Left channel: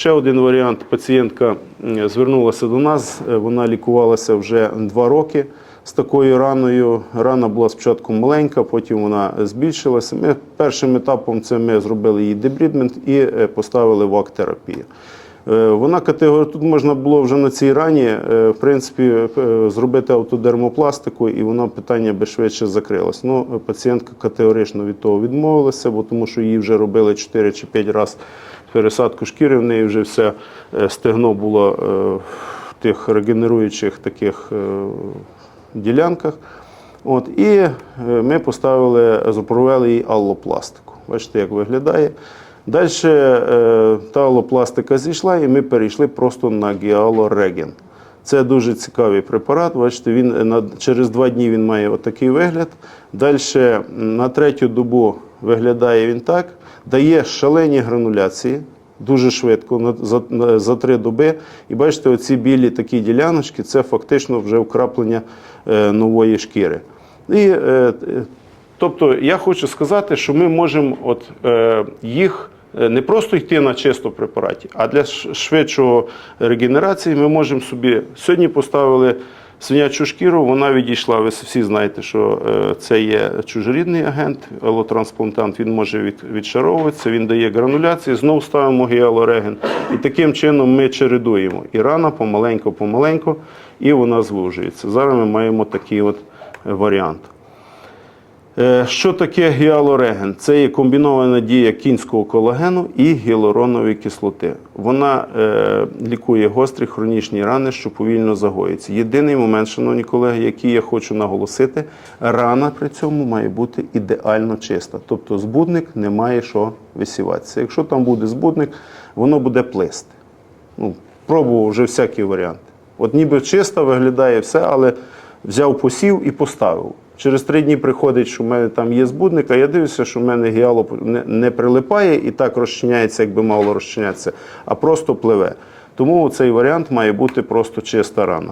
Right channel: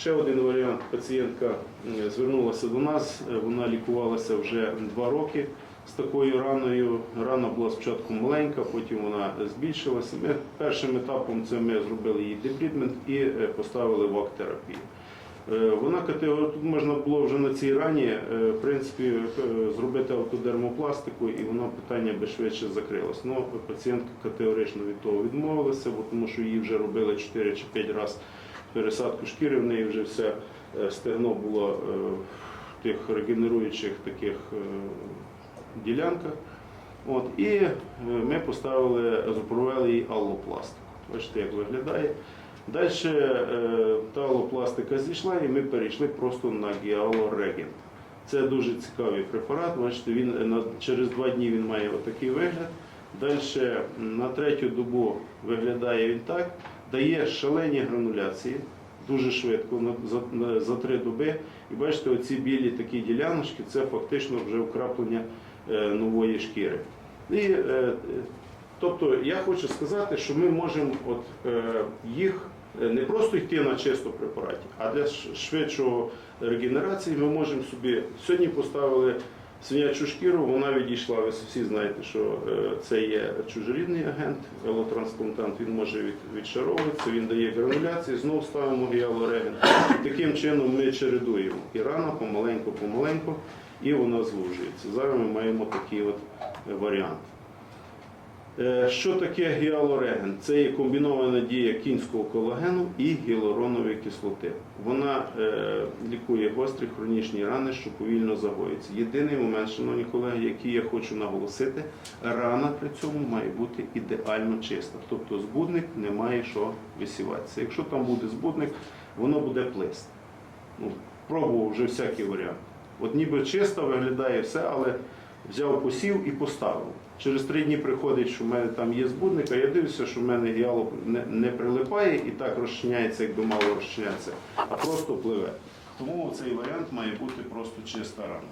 Ще один варіант. Пацієнтка звернулася до нас. е, Вона лікувалася вже два роки з такою раною. Рана була спочатку маленька, потім вона збільшилася. Ми першим етапом це ми зробили її дебрідмент і е, поставили вак-терапію. Е, Вона категорія, тут можна було вже на цій рані, е, в принципі, е, зробити автодермопластику, і воно питання би швидше закрилось. Ну, пацієнтка категорично від того відмовилася, бо тому що її вже робили 4 чи 5 разів пересадку шкіри, в неї вже все стегно було в тих регенеруючих таких ділянках. От, і ми поставили, запровели їй аллопластику. Бачите, як виглядає. Далі е, та аллопластика зійшла, і ми перейшли просто на гіалореген. Це дуже цікавий препарат. Бачите, він на, через два дні він має отакий вигляд. Далі на третю добу виглядає він так, дає шалені грануляції. Дуже швидко за, за три доби. І бачите, оці білі такі діляночки це фактично вже вкраплення е, нової шкіри. І, е, е, тобто я хочу сказати, що ми можемо от, е, їх е, не просто йти на чисто препараті, а для швидшого регенерації ми можемо собі сьогодні поставили свинячу шкіру, вона відійшла. Ви всі знаєте, що е, це є чужорідний агент, алотрансплантант, він може відшаровуватися, він дає грануляції, знову ставимо гіалореген. І таким чином ми чередуємо. І рана помаленьку-помаленьку, і вона звужується. Зараз ми маємо такий от е, варіант. Е, Що таке гіалореген? Це є комбінована дія кінського колагену і гіалуронової кислоти. Вона е, лікує гострі хронічні рани, що повільно загоюються. Єдиний момент, шановні колеги, який я хочу наголосити, рана при цьому має бути ідеально чиста. Тобто збудник не має що висіватися. Якщо там буде збудник, воно буде плисти. Ну, пробував вже всякі варіанти. От ніби чисто виглядає все, але взяв посів і поставив. Через три дні приходить, що в мене там є збудник, а я дивлюся, що в мене гіало не, не прилипає і так розчиняється, якби мало розчинятися, а просто пливе. Тому цей варіант має бути просто чиста рана.